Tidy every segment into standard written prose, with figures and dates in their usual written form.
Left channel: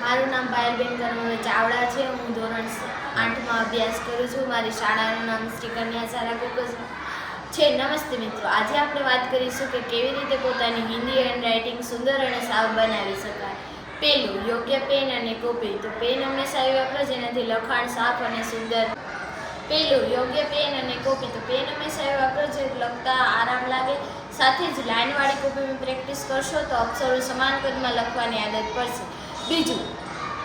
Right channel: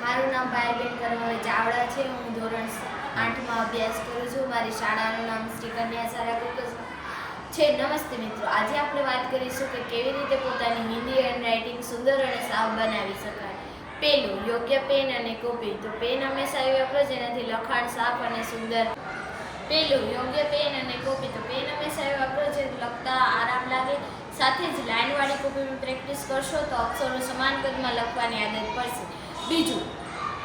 મારું નામ પાયલબેન કરમભાઈ ચાવડા છે. હું ધોરણ 8માં અભ્યાસ કરું છું. મારી શાળાનું નામ શ્રી કન્યા શાળા કુકસ છે. નમસ્તે મિત્રો, આજે આપણે વાત કરીશું કે કેવી રીતે પોતાની હિન્દી હેન્ડરાઇટિંગ સુંદર અને સાફ બનાવી શકાય. પહેલું, યોગ્ય પેન અને કોપી. તો પેન હંમેશા એવી વાપરો જેનાથી લખાણ સાફ અને સુંદર. પહેલું, યોગ્ય પેન અને કોપી. તો પેન હંમેશા એવી વાપરો જે લખતા આરામ લાગે. સાથે જ લાઇનવાળી કોપીમાં પ્રેક્ટિસ કરશો તો અક્ષરો સમાન કદમાં લખવાની આદત પડશે. બીજું,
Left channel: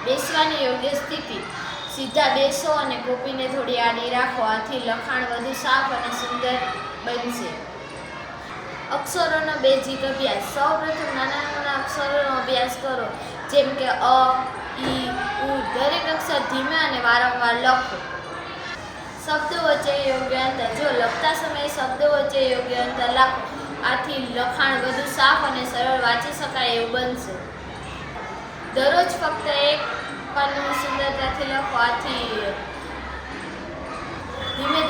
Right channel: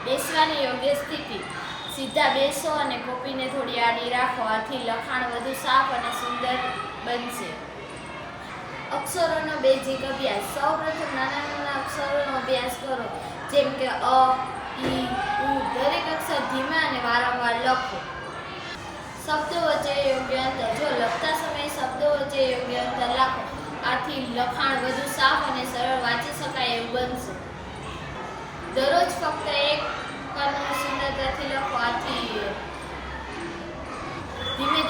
બેસવાની યોગ્ય સ્થિતિ. સીધા બેસો અને કોપીને થોડી આડી રાખો. આથી લખાણ વધુ સાફ અને સુંદર બનશે. અક્ષરોનો બેઝિક અભ્યાસ. સૌપ્રથમ નાના નાના અક્ષરોનો અભ્યાસ કરો, જેમ કે અ, ઈ, ઉ. દરેક અક્ષર ધીમે અને વારંવાર લખો. શબ્દો વચ્ચે યોગ્ય અંતર. જો લખતા સમયે શબ્દો વચ્ચે યોગ્ય અંતર રાખો. આથી લખાણ વધુ સાફ અને સરળ વાંચી શકાય એવું બનશે. દરરોજ ફક્ત એક પાનું સુંદરતાથી લખો. આથી ધીમે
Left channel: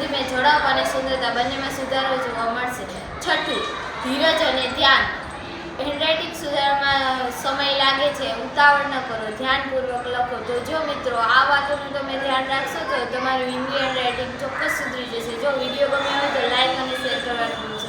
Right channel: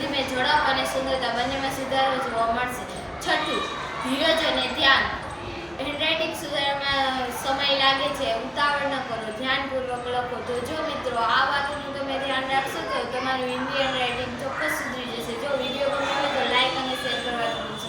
ધીમે ઝડપ અને સુંદરતા બંનેમાં સુધારો જોવા મળશે. છઠ્ઠું, ધીરજ અને ધ્યાન. હેન્ડરાઇટિંગ સુધારવામાં સમય લાગે છે, ઉતાવળ ન કરો, ધ્યાનપૂર્વક લખો. તો જો મિત્રો, આ વાતોનું તમે ધ્યાન રાખશો તો તમારું હિન્દી હેન્ડરાઇટિંગ ચોક્કસ સુધરી જશે. જો વિડીયો ગમ્યો હોય તો લાઈક અને શેર કરવાનું ભૂલશો